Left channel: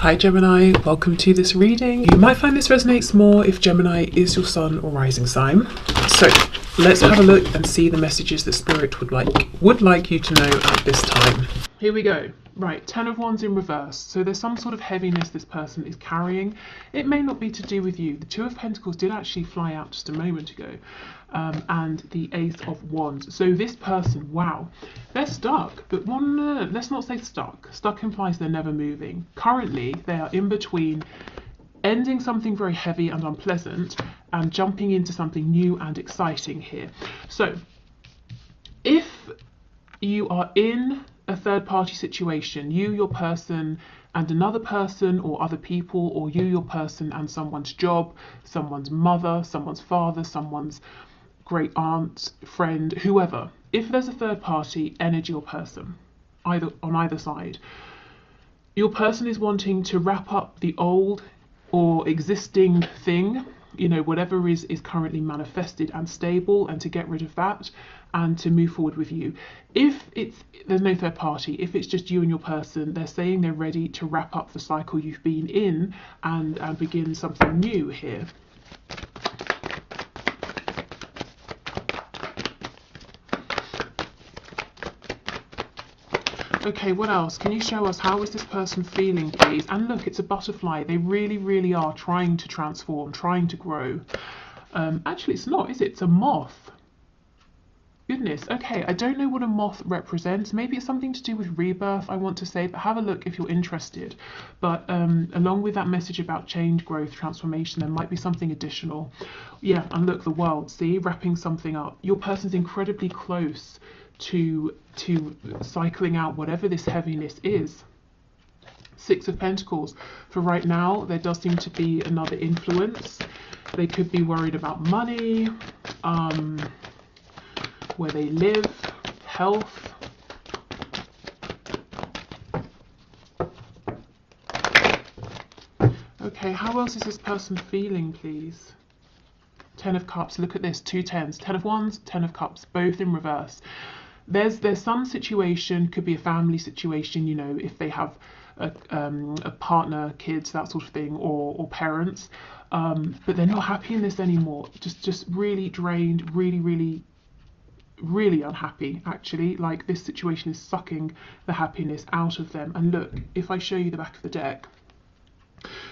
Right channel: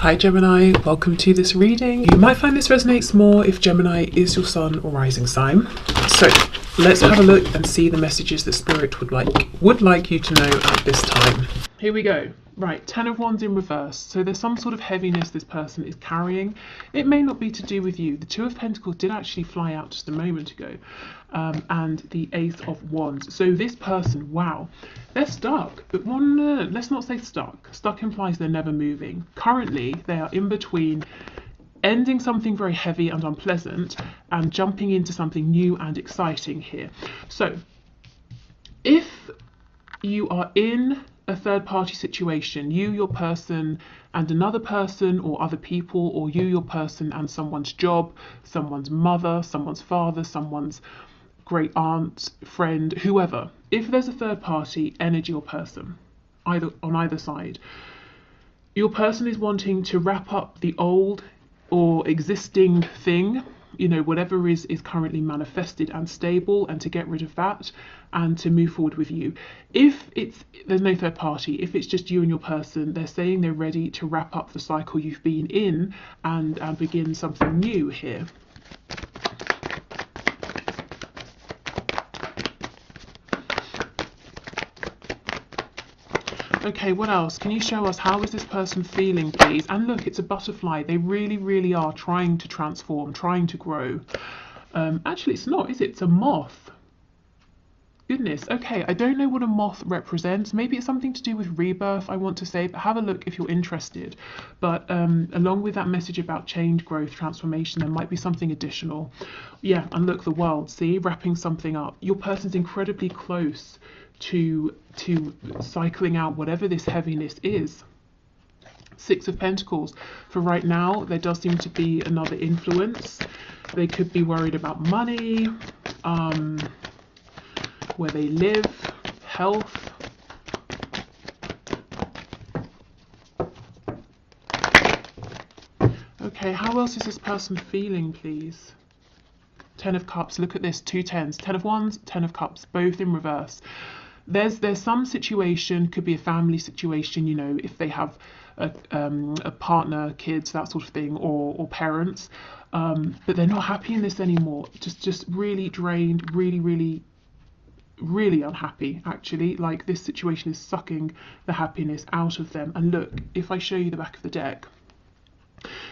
Hi Gemini, welcome to this reading. You might find this resonates more if Gemini is your sun or rising sign. So let's have a look and see the messages that Spirit would like you to know at this time. Here we go. Right, 10 of Wands in reverse. So there's some sort of heaviness this person is carrying. It may not be to do with you. The 2 of Pentacles did actually fly out just a moment ago. And the Ace of Wands. So this person, wow, they're stuck. But let's not say stuck. Stuck implies they're never moving. Currently, they are in between ending something very heavy and unpleasant and jumping into something new and exciting here. So if you are in a third party situation, you, your person, and another person, or other people, or you, your person, and someone's job, someone's mother, someone's father, someone's great aunt, friend, whoever. If there's a third party energy or person, either on either side, your person is wanting to wrap up the old or existing thing, you know, whatever is currently manifested and stable, and to get rid of that and to move forward with you. If there's no third party, if it's just you and your person, they're saying they're ready to wrap up the cycle you've been in and begin something new here. Okay, what else? Can you show us how is this person feeling, please? And look, it's a butterfly. They really, really are trying to transform, trying to grow. Actually, it's not, is it? It's a moth. Goodness, okay, I don't know what a moth represents. Maybe it's something to do with rebirth, I want to say, but have a look if you're interested. But along with that message about change, growth, transformation, there might be something additional. Yeah, and look, the world, see, wrapping something up. Your person's incredibly close to cycling out whatever this heaviness is. 6 of Pentacles. For right now, there does seem to be another influence. They could be worried about money, where they live, health. Okay, how else is this person feeling, please? 10 of Cups, look at this, 2 tens, 10 of Wands, 10 of Cups, both in reverse. There's some situation, could be a family situation, you know, if they have a partner, kids, that sort of thing, or parents, but they're not happy in this anymore. Just really drained, really unhappy, actually. Like, this situation is sucking the happiness out of them. And look, if I show you the back of the deck,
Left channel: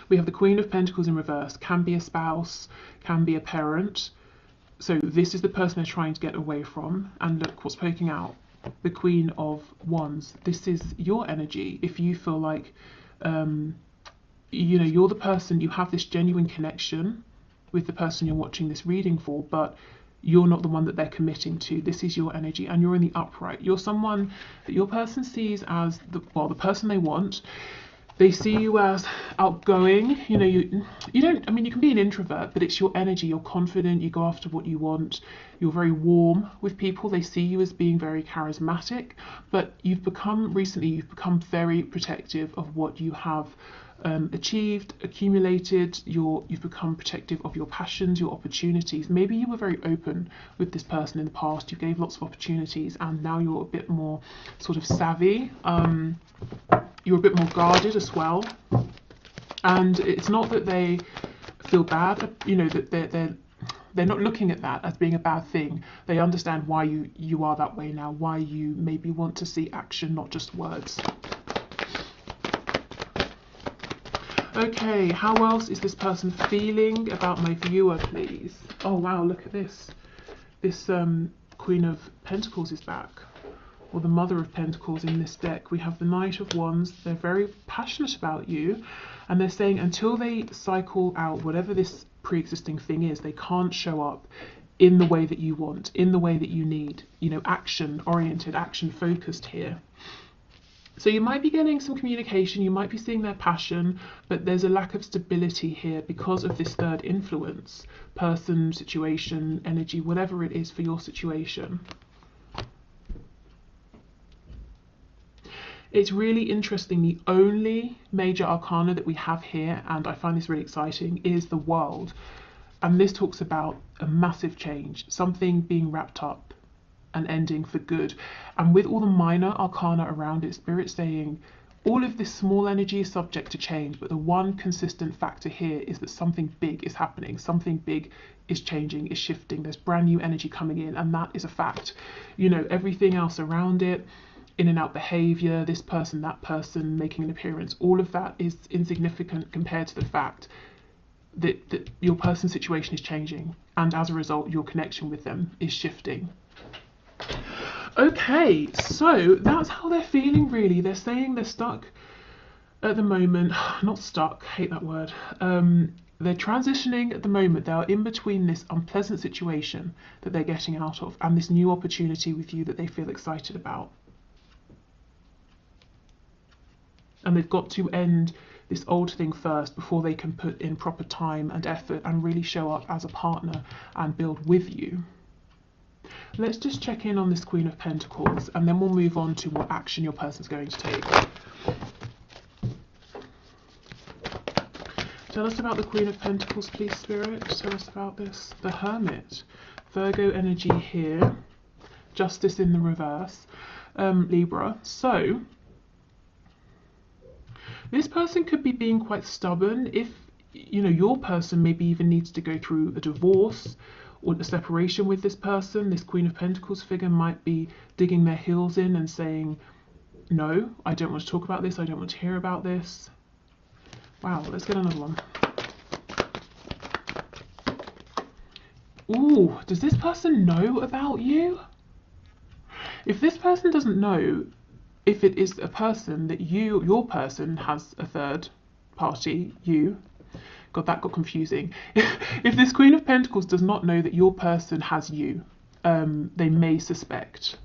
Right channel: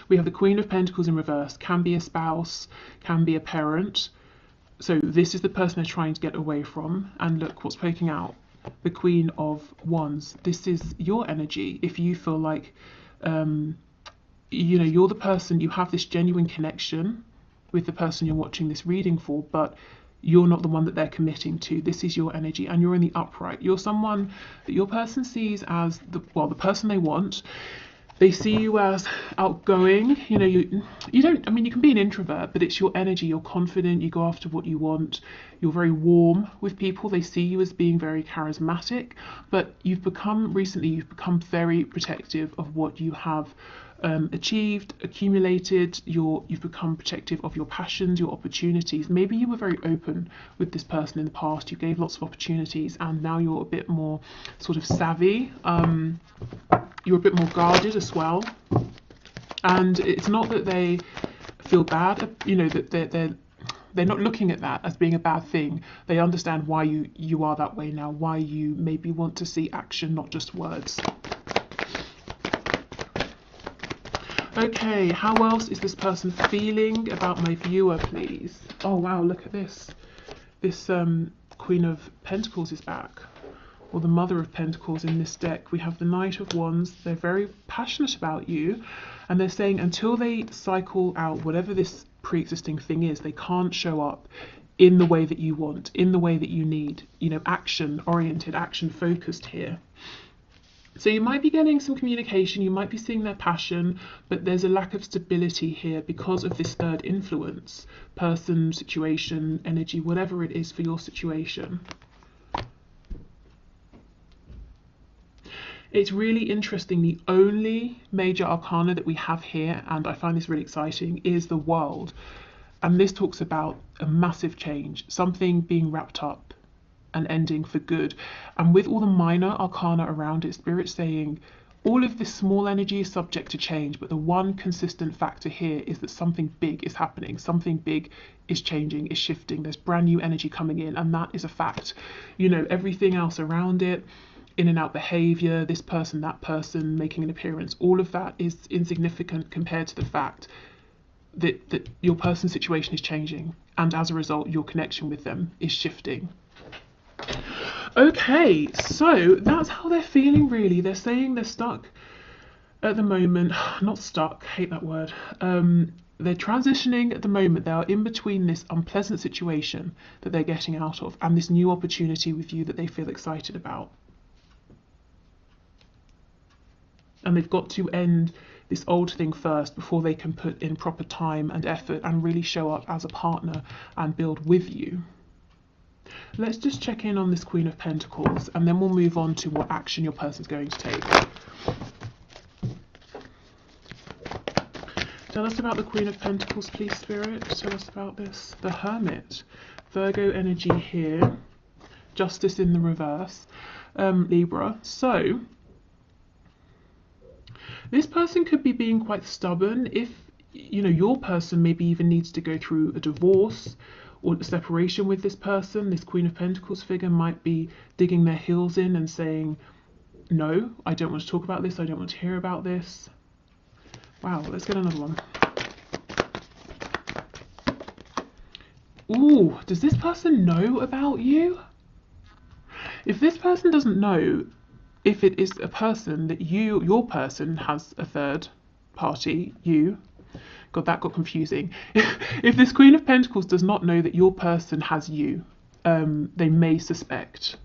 we have the Queen of Pentacles in reverse. Can be a spouse, can be a parent. So this is the person they're trying to get away from. And look what's poking out, the Queen of Wands. This is your energy. If you feel like you know, you're the person, you have this genuine connection with the person you're watching this reading for, but you're not the one that they're committing to. This is your energy, and you're in the upright. You're someone that your person sees as the person they want. They see you as outgoing. You know, you don't, I mean, you can be an introvert, but it's your energy. You're confident, you go after what you want. You're very warm with people. They see you as being very charismatic, but you've become very protective of what you have achieved, accumulated. You've become protective of your passions, your opportunities. Maybe you were very open with this person in the past. You gave lots of opportunities, and now you're a bit more sort of savvy. You're a bit more guarded as well. And it's not that they feel bad, you know, that they're not looking at that as being a bad thing. They understand why you are that way now, why you maybe want to see action, not just words. Okay, how else is this person feeling about my viewer, please? Oh wow, look at this. This Queen of Pentacles is back, or the Mother of Pentacles in this deck. We have the Knight of Wands. They're very passionate about you, and they're saying until they cycle out whatever this pre-existing thing is, they can't show up in the way that you want, in the way that you need, you know, action oriented, action focused here. So you might be getting some communication, you might be seeing their passion, but there's a lack of stability here because of this third influence, person, situation, energy, whatever it is for your situation. It's really interesting. The only major arcana that we have here, and I find this really exciting, is the World. And this talks about a massive change, something being wrapped up and ending for good. And with all the minor arcana around it, Spirit saying all of this small energy is subject to change, but the one consistent factor here is that something big is happening, something big is changing, is shifting, there's brand new energy coming in, and that is a fact. You know, everything else around it, in and out behavior, this person, that person making an appearance, all of that is insignificant compared to the fact that your person's situation is changing, and as a result your connection with them is shifting. Okay, so that's how they're feeling really. They're saying they're stuck at the moment. Not stuck, hate that word. They're transitioning at the moment. They are in between this unpleasant situation that they're getting out of and this new opportunity with you that they feel excited about. And they've got to end this old thing first before they can put in proper time and effort and really show up as a partner and build with you. Let's just check in on this Queen of Pentacles, and then we'll move on to what action your person's going to take. Tell us about the Queen of Pentacles, please, Spirit. Tell us about this. The Hermit. Virgo energy here. Justice in the reverse. Libra. So, this person could be being quite stubborn. If, you know, your person maybe even needs to go through a divorce or a separation with this person, this Queen of Pentacles figure might be digging their heels in and saying, no, I don't want to talk about this, I don't want to hear about this. Wow, let's get another one. Ooh, does this person know about you? If this person doesn't know, if it is a person that your person has a third party, you, God, that got confusing. If this Queen of Pentacles does not know that your person has you, they may suspect.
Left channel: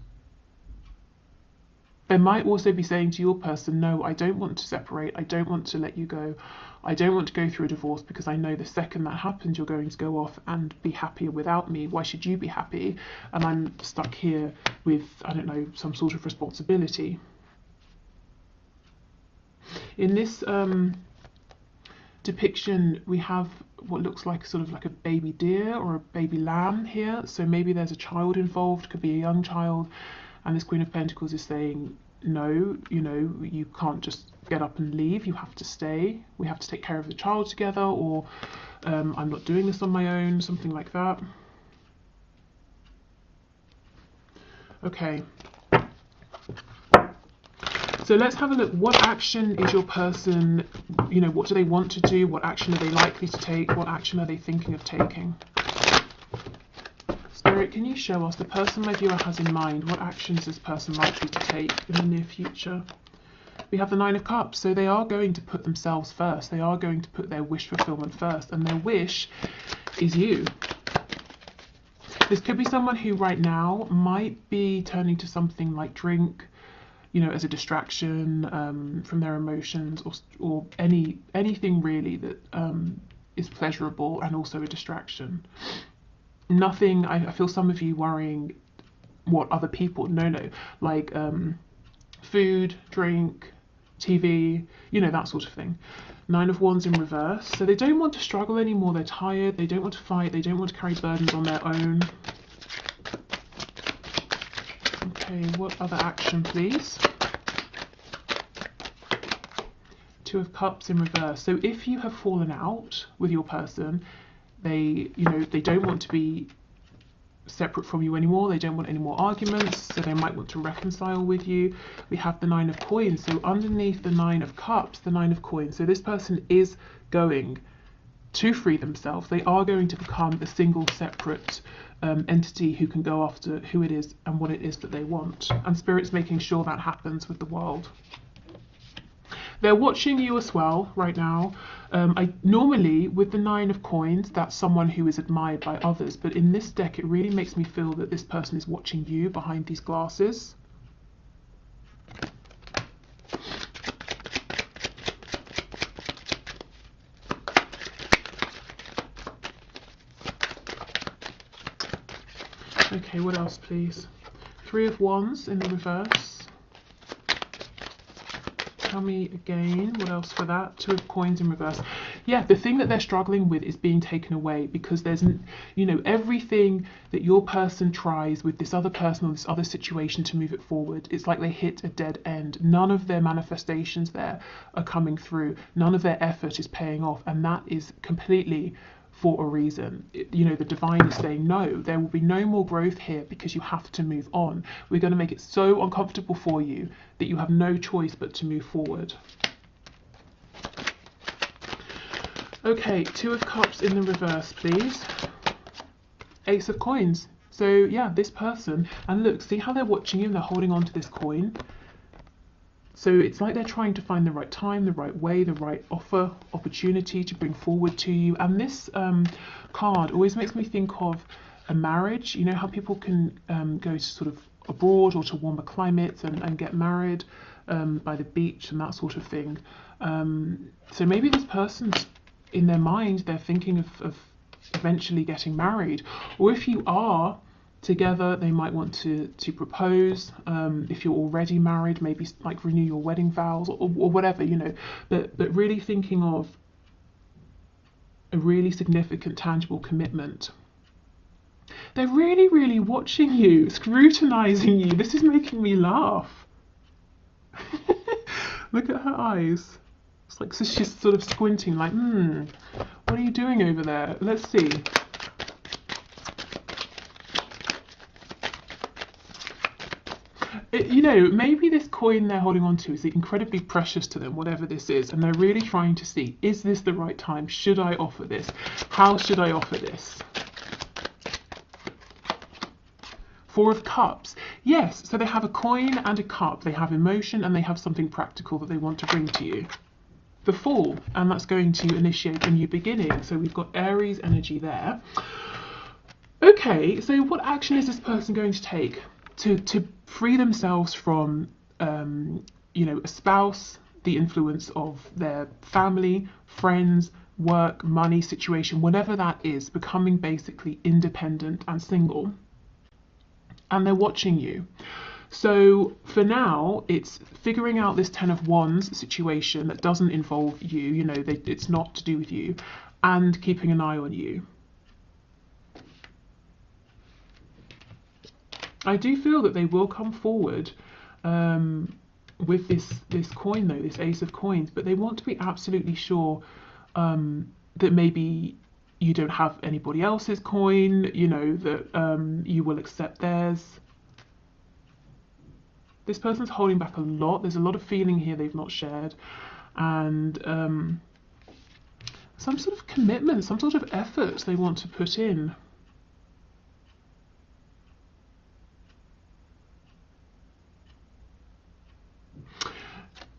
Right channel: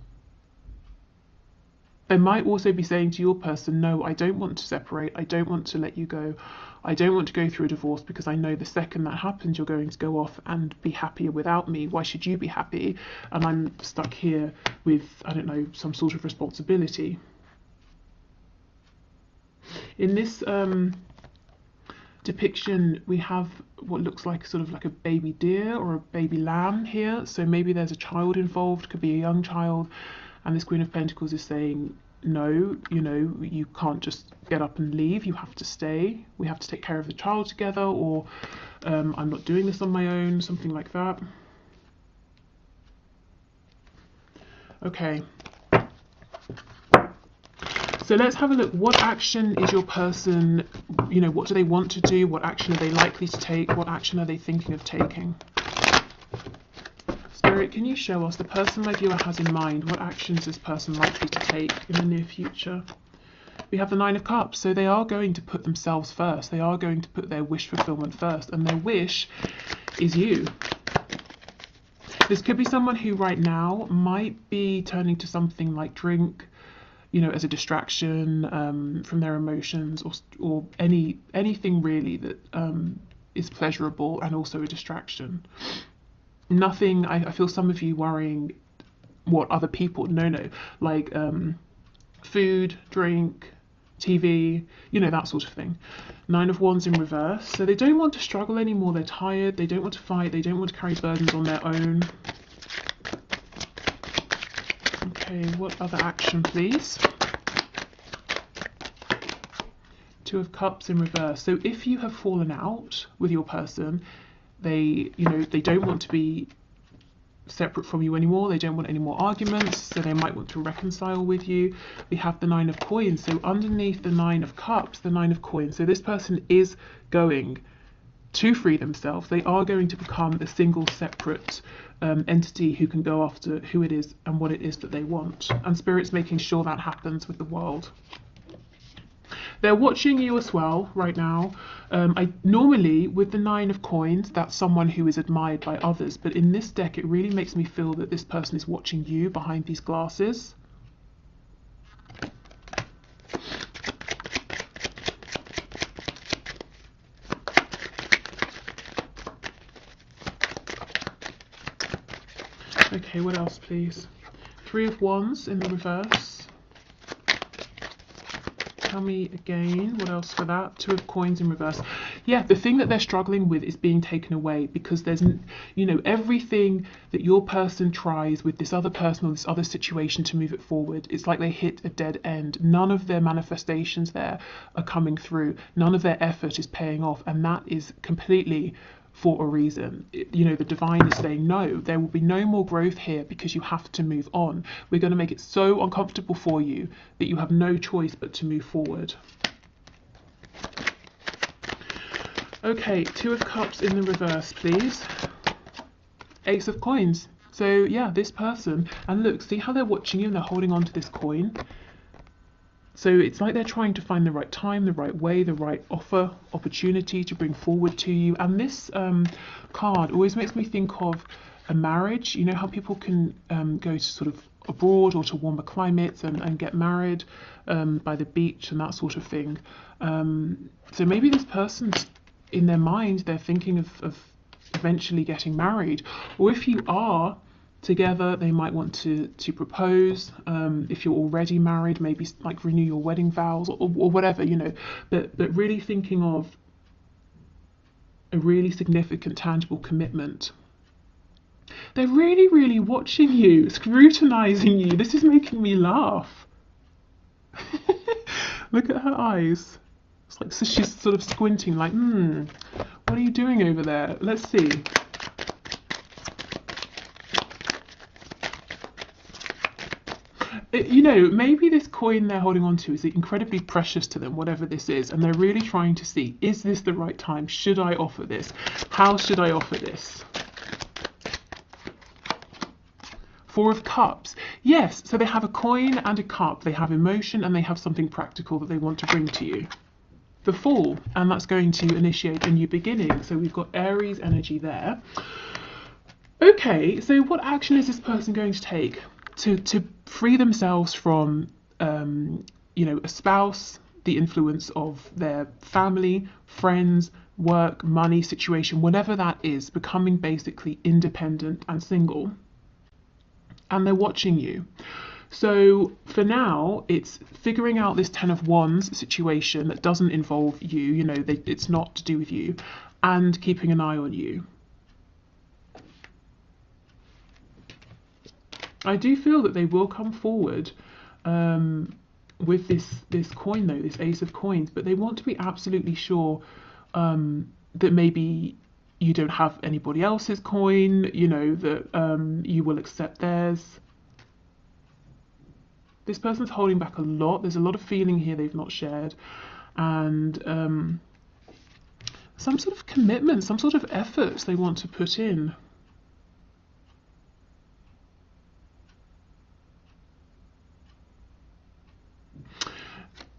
They might also be saying to your person, no, I don't want to separate, I don't want to let you go, I don't want to go through a divorce because I know the second that happens you're going to go off and be happier without me. Why should you be happy? And I'm stuck here with, I don't know, some sort of responsibility. In this depiction, we have what looks like sort of like a baby deer or a baby lamb here. So maybe there's a child involved, could be a young child, and this Queen of Pentacles is saying, no, you know, you can't just get up and leave, you have to stay, we have to take care of the child together, or I'm not doing this on my own, something like that. Okay. So let's have a look. What action is your person, you know, what do they want to do? What action are they likely to take? What action are they thinking of taking? Spirit, can you show us the person my viewer has in mind? What action is this person likely to take in the near future? We have the Nine of Cups, so they are going to put themselves first. They are going to put their wish fulfillment first, and their wish is you. This could be someone who right now might be turning to something like drink, you know, as a distraction from their emotions, or anything really that is pleasurable and also a distraction. Nothing, I feel some of you worrying what other people, no, like food, drink, TV, you know, that sort of thing. Nine of Wands in reverse. So they don't want to struggle anymore, they're tired, they don't want to fight, they don't want to carry burdens on their own. Okay, what other action, please? Two of Cups in reverse. So if you have fallen out with your person, they, you know, they don't want to be separate from you anymore, they don't want any more arguments, so they might want to reconcile with you. We have the Nine of Coins. So underneath the Nine of Cups, the Nine of Coins. So this person is going to free themselves. They are going to become a single separate entity who can go after who it is and what it is that they want. And Spirit's making sure that happens with the world. They're watching you as well right now. Normally with the Nine of Coins, that's someone who is admired by others, but in this deck it really makes me feel that this person is watching you behind these glasses. Okay, what else please? Three of Wands in the reverse. tell me again, what else for that? Two of Coins in reverse. Yeah, the thing that they're struggling with is being taken away, because there's, you know, everything that your person tries with this other person or this other situation to move it forward, it's like they hit a dead end. None of their manifestations there are coming through. None of their effort is paying off, and that is completely for a reason. You know, the divine is saying, no, there will be no more growth here because you have to move on. We're going to make it so uncomfortable for you that you have no choice but to move forward. Okay, Two of Cups in the reverse, please. Ace of Coins. So yeah, this person, and look, see how they're watching you and they're holding on to this coin? So it's like they're trying to find the right time, the right way, the right offer, opportunity to bring forward to you. And this card always makes me think of a marriage. You know how people can go to sort of abroad or to warmer climates and get married by the beach and that sort of thing. So maybe this person's, in their mind, they're thinking of eventually getting married. Or if you are together, they might want to propose. If you're already married, maybe like renew your wedding vows or whatever, you know, but really thinking of a really significant, tangible commitment. They're really, really watching you, scrutinizing you. This is making me laugh. Look at her eyes. It's like, so she's sort of squinting like, what are you doing over there? Let's see. You know, maybe this coin they're holding on to is incredibly precious to them, whatever this is, and they're really trying to see, is this the right time? Should I offer this? How should I offer this? Four of Cups. Yes, so they have a coin and a cup. They have emotion and they have something practical that they want to bring to you. The Fool, and that's going to initiate a new beginning. So we've got Aries energy there. Okay, so what action is this person going to take to free themselves from, you know, a spouse, the influence of their family, friends, work, money situation, whatever that is, becoming basically independent and single? And they're watching you. So for now, it's figuring out this Ten of Wands situation that doesn't involve you, you know, it's not to do with you, and keeping an eye on you. I do feel that they will come forward with this coin though, this Ace of Coins, but they want to be absolutely sure that maybe you don't have anybody else's coin, you know, that you will accept theirs. This person's holding back a lot. There's a lot of feeling here they've not shared, and some sort of commitment, some sort of effort they want to put in.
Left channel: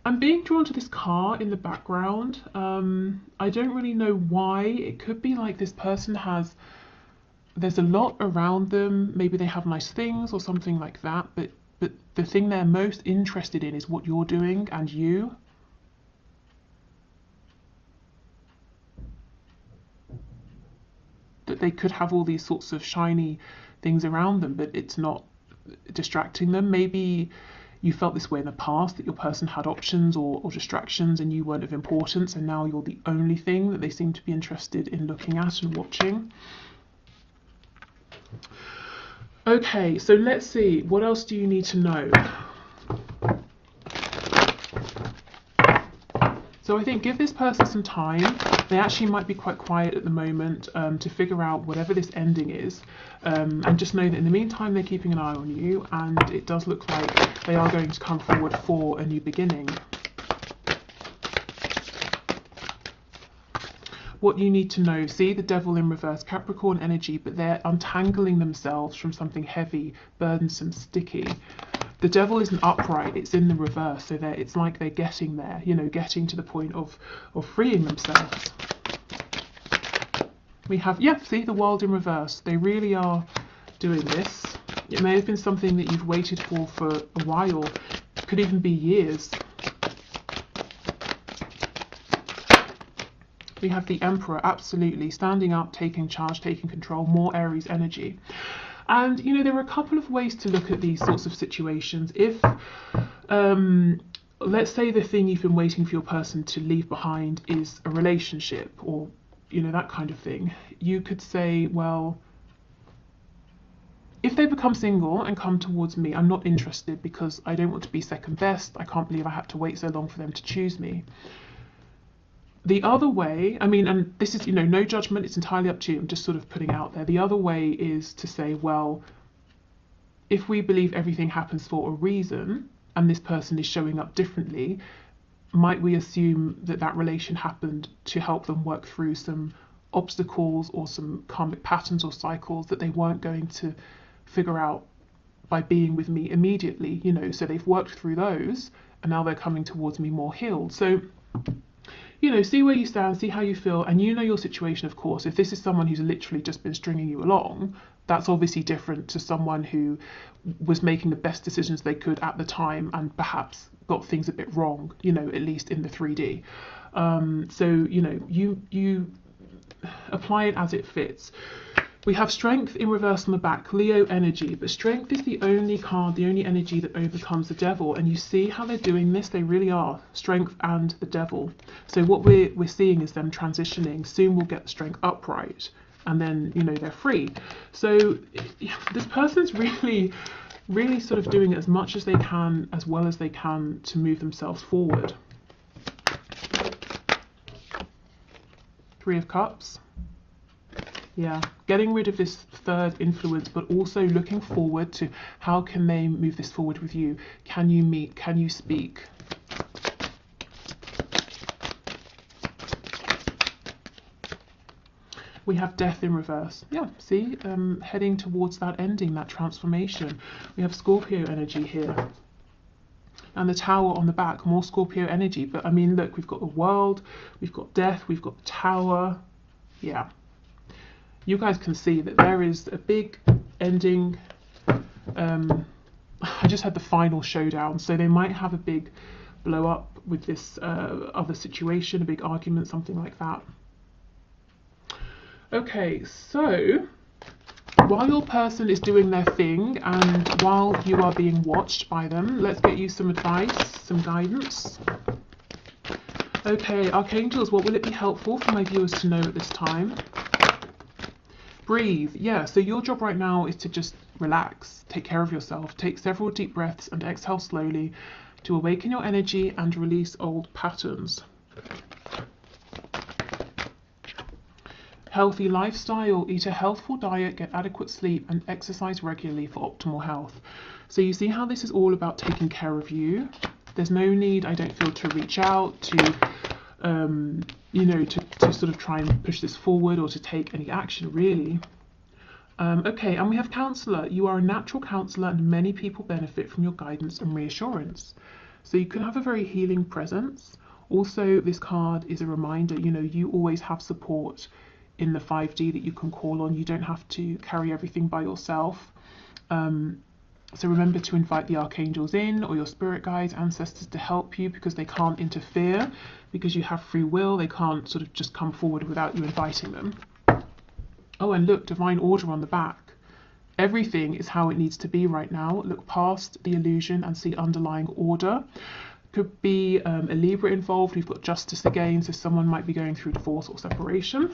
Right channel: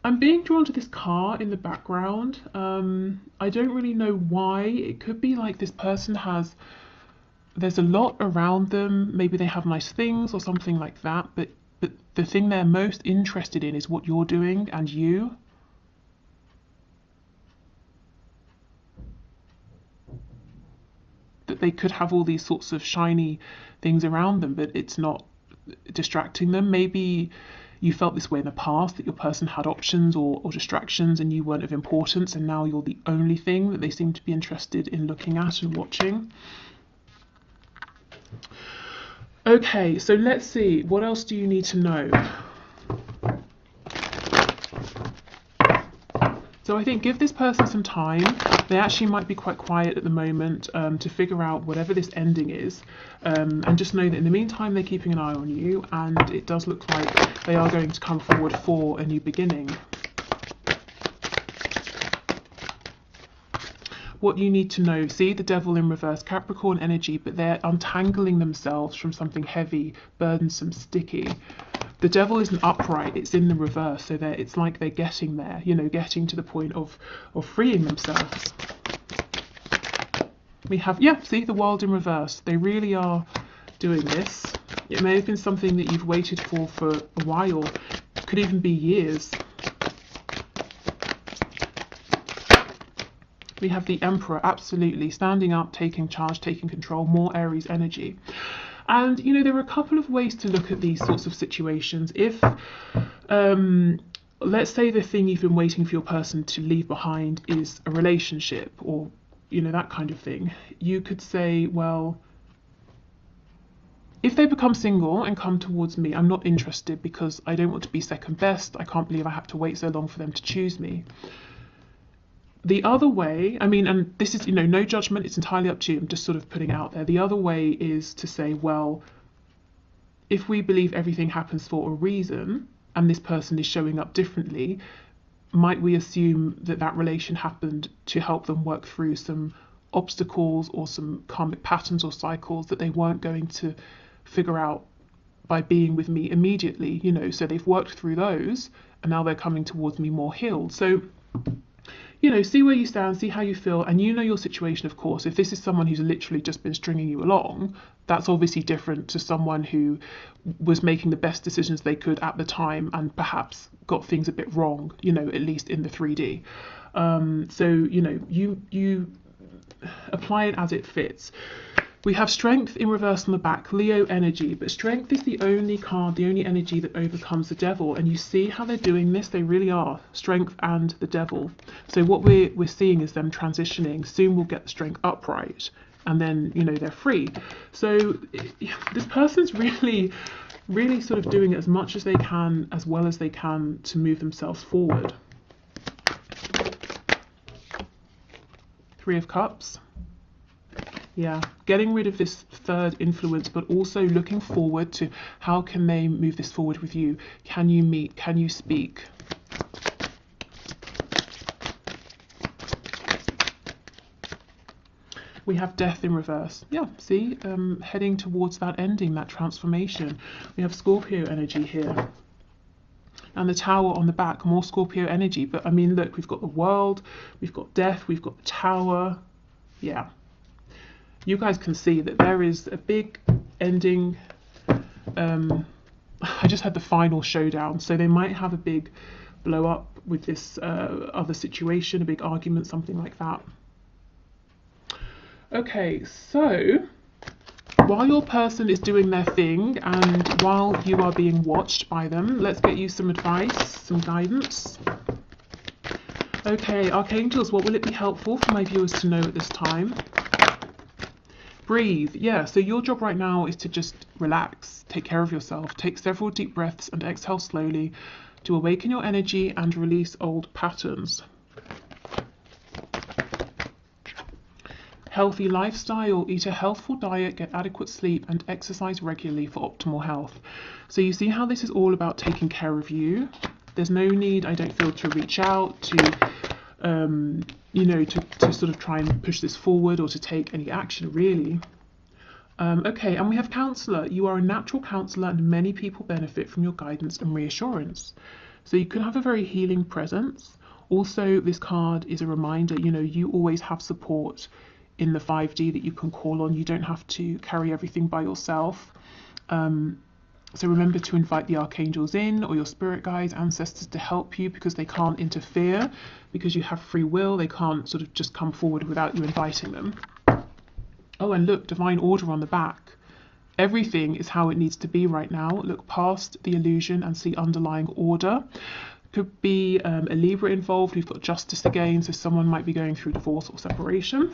I'm being drawn to this car in the background. I don't really know why. It could be like this person there's a lot around them. Maybe they have nice things or something like that, but the thing they're most interested in is what you're doing and you. That they could have all these sorts of shiny things around them, but it's not distracting them. Maybe you felt this way in the past, that your person had options or distractions and you weren't of importance, and now you're the only thing that they seem to be interested in looking at and watching. Okay, so let's see, what else do you need to know? So I think give this person some time. They actually might be quite quiet at the moment to figure out whatever this ending is. And just know that in the meantime, they're keeping an eye on you, and it does look like they are going to come forward for a new beginning. What you need to know, see the Devil in reverse, Capricorn energy, but they're untangling themselves from something heavy, burdensome, sticky. The Devil isn't upright, it's in the reverse, so it's like they're getting there, you know, getting to the point of freeing themselves. We have, yeah, see the World in reverse. They really are doing this. It may have been something that you've waited for a while, it could even be years. We have the Emperor, absolutely, standing up, taking charge, taking control, more Aries energy. And, you know, there are a couple of ways to look at these sorts of situations. If, let's say the thing you've been waiting for your person to leave behind is a relationship, or you know, that kind of thing. You could say, well, if they become single and come towards me, I'm not interested because I don't want to be second best. I can't believe I had to wait so long for them to choose me. The other way, I mean, and this is, you know, no judgment, it's entirely up to you. I'm just sort of putting it out there. The other way is to say, well, if we believe everything happens for a reason and this person is showing up differently, might we assume that that relation happened to help them work through some obstacles or some karmic patterns or cycles that they weren't going to figure out by being with me immediately, you know? So they've worked through those and now they're coming towards me more healed. So, you know, see where you stand, see how you feel, and you know your situation, of course. If this is someone who's literally just been stringing you along, that's obviously different to someone who was making the best decisions they could at the time and perhaps got things a bit wrong, you know, at least in the 3D. So, you know, you apply it as it fits. We have Strength in reverse on the back, Leo energy, but Strength is the only card, the only energy that overcomes the Devil. And you see how they're doing this? They really are, Strength and the Devil. So what we're seeing is them transitioning. Soon we'll get the Strength upright, and then, you know, they're free. So this person's really sort of doing as much as they can, as well as they can, to move themselves forward. Three of Cups. Yeah, getting rid of this third influence, but also looking forward to how can they move this forward with you? Can you meet? Can you speak? We have Death in reverse. Yeah, see, heading towards that ending, that transformation. We have Scorpio energy here. And the Tower on the back, more Scorpio energy. But I mean, look, we've got the World, we've got Death, we've got the Tower. Yeah. You guys can see that there is a big ending. I just had the final showdown, so they might have a big blow up with this other situation, a big argument, something like that. Okay, so while your person is doing their thing and while you are being watched by them, let's get you some advice, some guidance. Okay, Archangels, what will it be helpful for my viewers to know at this time? Breathe. Yeah, so your job right now is to just relax, take care of yourself, take several deep breaths and exhale slowly to awaken your energy and release old patterns. Healthy lifestyle, eat a healthful diet, get adequate sleep and exercise regularly for optimal health. So you see how this is all about taking care of you. There's no need, I don't feel, to reach out, to you know, to sort of try and push this forward or to take any action, really. Okay, and we have Counselor. You are a natural counsellor and many people benefit from your guidance and reassurance. So you can have a very healing presence. Also, this card is a reminder, you know, you always have support in the 5D that you can call on. You don't have to carry everything by yourself. So remember to invite the archangels in, or your spirit guides, ancestors, to help you, because they can't interfere, because you have free will. They can't sort of just come forward without you inviting them. Oh, and look, divine order on the back. Everything is how it needs to be right now. Look past the illusion and see underlying order. Could be a Libra involved. We've got justice again, so someone might be going through divorce or separation.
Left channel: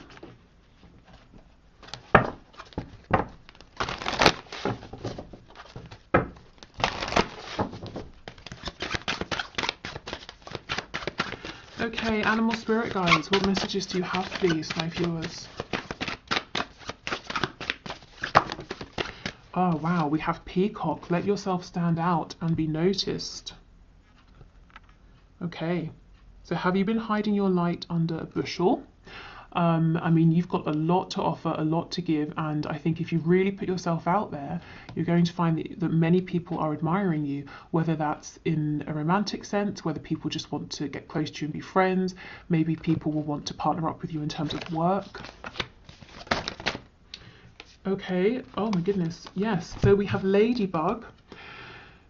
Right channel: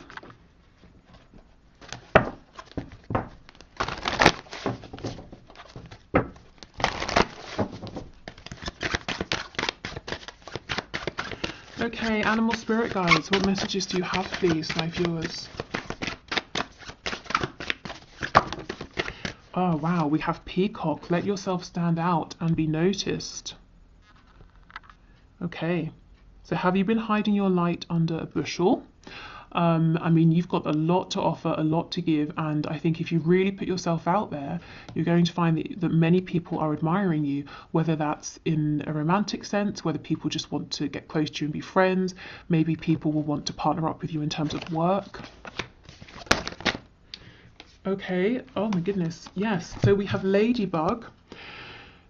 Okay, animal spirit guides, what messages do you have, please, my viewers? Oh wow, we have Peacock. Let yourself stand out and be noticed. Okay, so have you been hiding your light under a bushel? I mean, you've got a lot to offer, a lot to give, and I think if you really put yourself out there, you're going to find that many people are admiring you, whether that's in a romantic sense, whether people just want to get close to you and be friends, maybe people will want to partner up with you in terms of work. Okay, oh my goodness, yes, so we have Ladybug.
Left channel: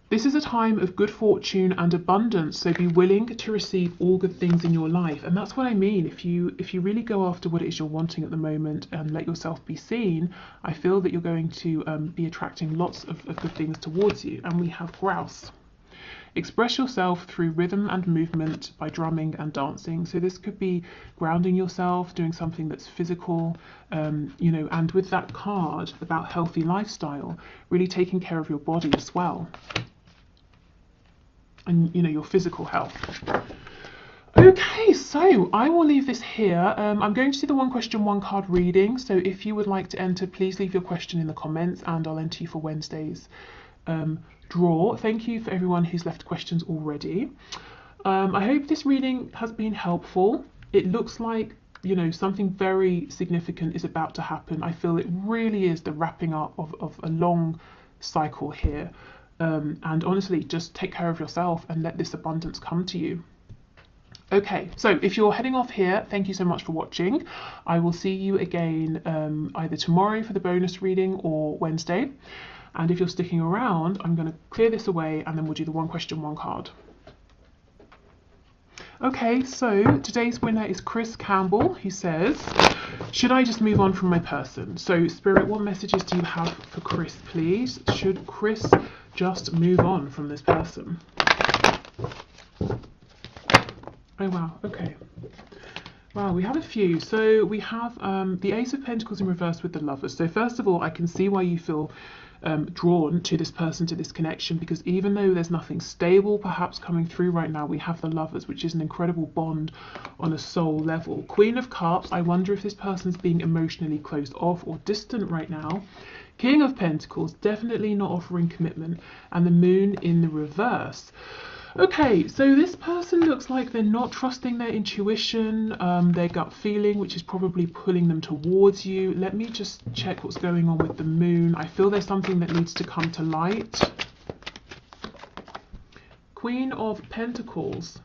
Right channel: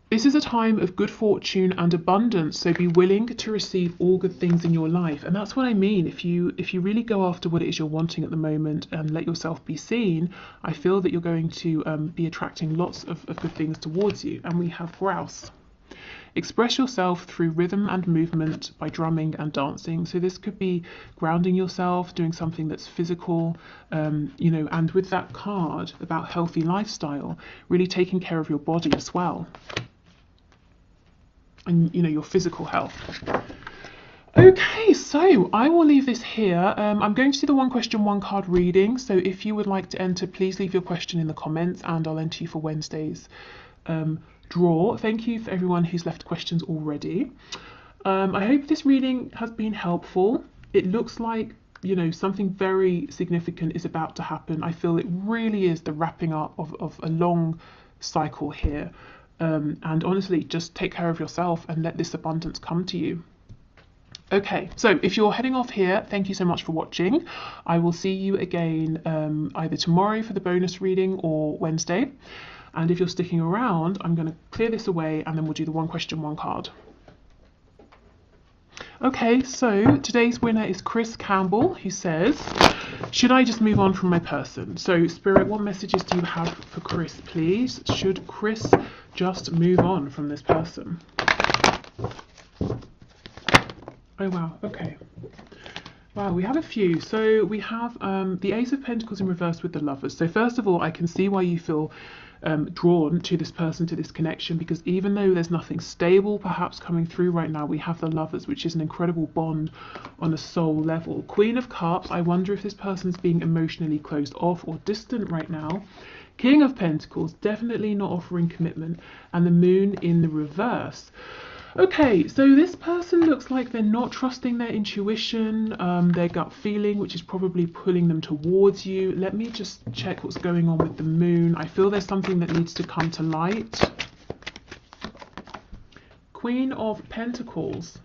This is a time of good fortune and abundance, so be willing to receive all good things in your life. And that's what I mean. If you really go after what it is you're wanting at the moment and let yourself be seen, I feel that you're going to be attracting lots of good things towards you. And we have Grouse. Express yourself through rhythm and movement by drumming and dancing. So this could be grounding yourself, doing something that's physical, you know, and with that card about healthy lifestyle, really taking care of your body as well. And, you know, your physical health. Okay, so I will leave this here. I'm going to do the one question, one card reading. So if you would like to enter, please leave your question in the comments and I'll enter you for Wednesday's draw. Thank you for everyone who's left questions already. I hope this reading has been helpful. It looks like, you know, something very significant is about to happen. I feel it really is the wrapping up of a long cycle here. And honestly, just take care of yourself and let this abundance come to you. Okay, so if you're heading off here, thank you so much for watching. I will see you again either tomorrow for the bonus reading or Wednesday. And if you're sticking around, I'm going to clear this away and then we'll do the one question, one card. Okay, so today's winner is Chris Campbell, who says, should I just move on from my person? So Spirit, what messages do you have for Chris, please? Should Chris just move on from this person? Oh wow, okay. Wow, we have a few. So we have the Ace of Pentacles in reverse with the Lovers. So first of all, I can see why you feel drawn to this person, to this connection, because even though there's nothing stable perhaps coming through right now, we have the Lovers, which is an incredible bond on a soul level. Queen of Cups, I wonder if this person is being emotionally closed off or distant right now. King of Pentacles, definitely not offering commitment, and the Moon in the reverse. Okay, so this person looks like they're not trusting their intuition, their gut feeling, which is probably pulling them towards you. Let me just check what's going on with the Moon. I feel there's something that needs to come to light. Queen of Pentacles.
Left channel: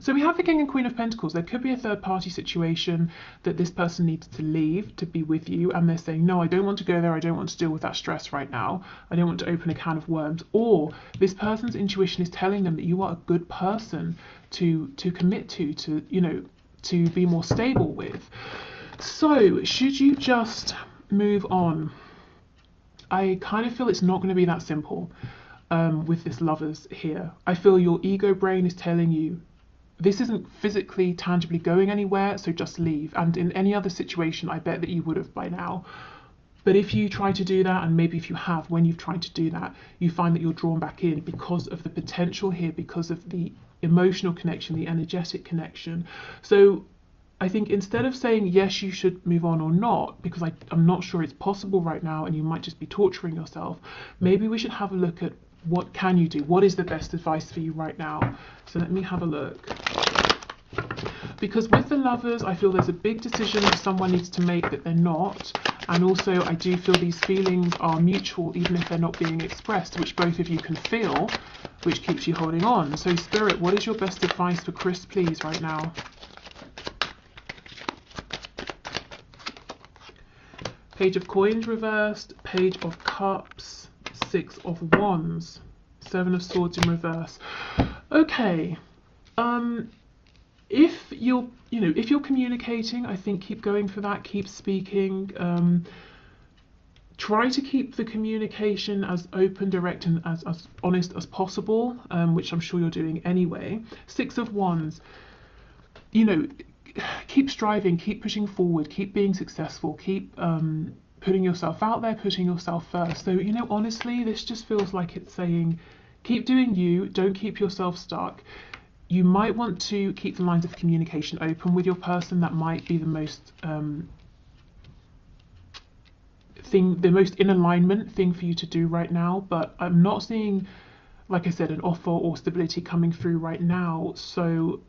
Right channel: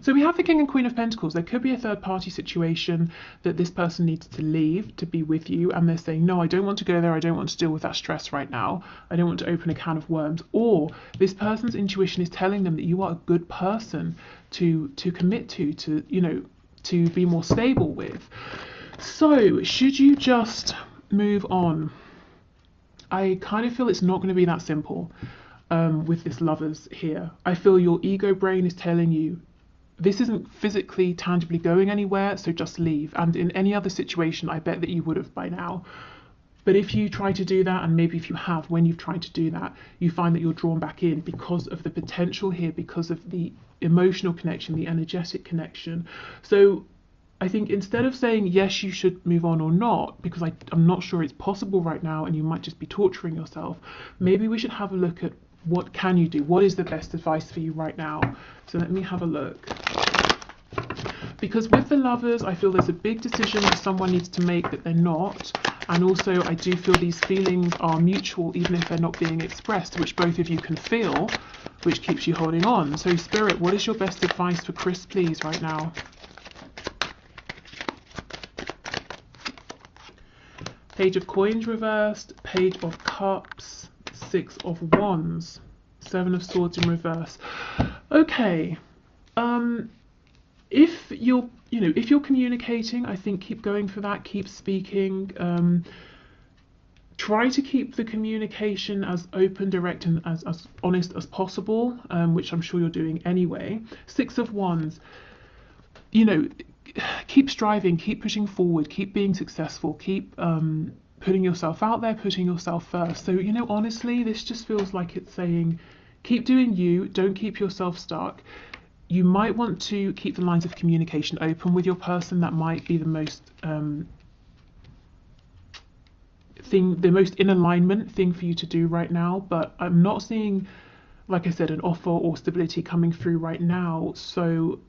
So we have the King and Queen of Pentacles. There could be a third party situation that this person needs to leave to be with you, and they're saying, no, I don't want to go there, I don't want to deal with that stress right now, I don't want to open a can of worms. Or this person's intuition is telling them that you are a good person to commit to, you know, to be more stable with. So should you just move on? I kind of feel it's not going to be that simple with this Lovers here. I feel your ego brain is telling you, this isn't physically, tangibly going anywhere, so just leave. And in any other situation, I bet that you would have by now. But if you try to do that, and maybe if you have, when you've tried to do that, you find that you're drawn back in because of the potential here, because of the emotional connection, the energetic connection. So I think instead of saying, yes, you should move on or not, because I'm not sure it's possible right now, and you might just be torturing yourself, maybe we should have a look at what can you do? What is the best advice for you right now? So let me have a look. Because with the Lovers, I feel there's a big decision that someone needs to make that they're not. And also I do feel these feelings are mutual, even if they're not being expressed, which both of you can feel, which keeps you holding on. So Spirit, what is your best advice for Chris, please, right now? Page of Coins reversed, Page of Cups, Six of Wands, Seven of Swords in reverse. Okay, if you're communicating, I think keep going for that, keep speaking. Try to keep the communication as open, direct, and as honest as possible, which I'm sure you're doing anyway. Six of Wands, you know, keep striving, keep pushing forward, keep being successful, keep putting yourself out there, putting yourself first. So, you know, honestly, this just feels like it's saying, keep doing you, don't keep yourself stuck. You might want to keep the lines of communication open with your person. That might be the most the most in alignment thing for you to do right now. But I'm not seeing, like I said, an offer or stability coming through right now. So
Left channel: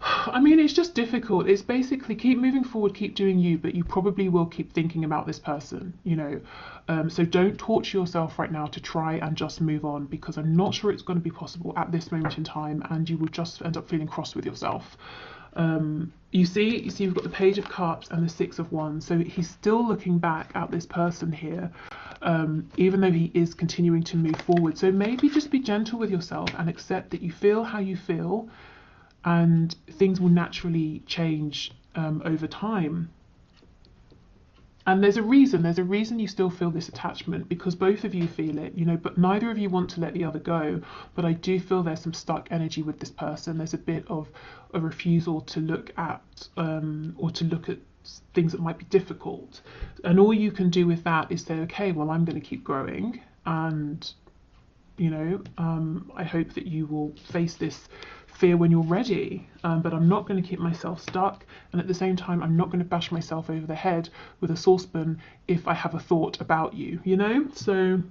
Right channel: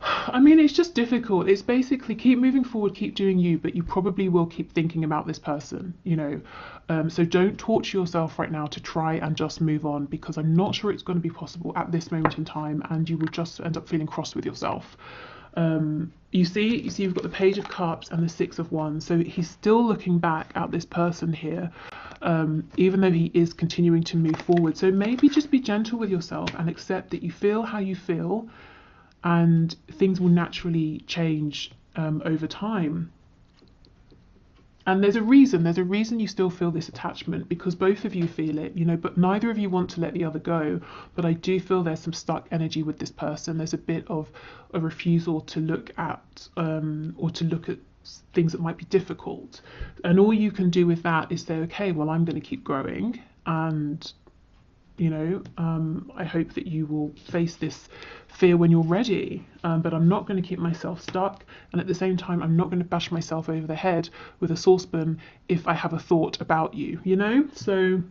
I mean, it's just difficult. It's basically keep moving forward, keep doing you, but you probably will keep thinking about this person, you know. So don't torture yourself right now to try and just move on, because I'm not sure it's going to be possible at this moment in time, and you will just end up feeling cross with yourself. You see you've got the Page of Cups and the Six of Wands, so he's still looking back at this person here, even though he is continuing to move forward. So maybe just be gentle with yourself and accept that you feel how you feel, and things will naturally change over time. And there's a reason you still feel this attachment, because both of you feel it, you know, but neither of you want to let the other go. But I do feel there's some stuck energy with this person. There's a bit of a refusal to look at or to look at things that might be difficult. And all you can do with that is say, okay, well, I'm going to keep growing, and you know, I hope that you will face this fear when you're ready, but I'm not going to keep myself stuck, and at the same time I'm not going to bash myself over the head with a saucepan if I have a thought about you, you know. So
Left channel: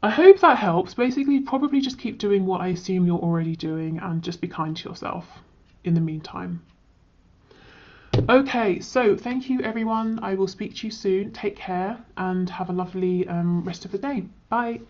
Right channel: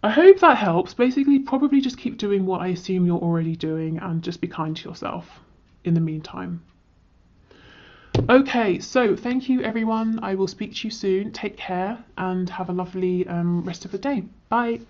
I hope that helps. Basically, probably just keep doing what I assume you're already doing, and just be kind to yourself in the meantime. Okay, so thank you everyone. I will speak to you soon. Take care and have a lovely rest of the day. Bye.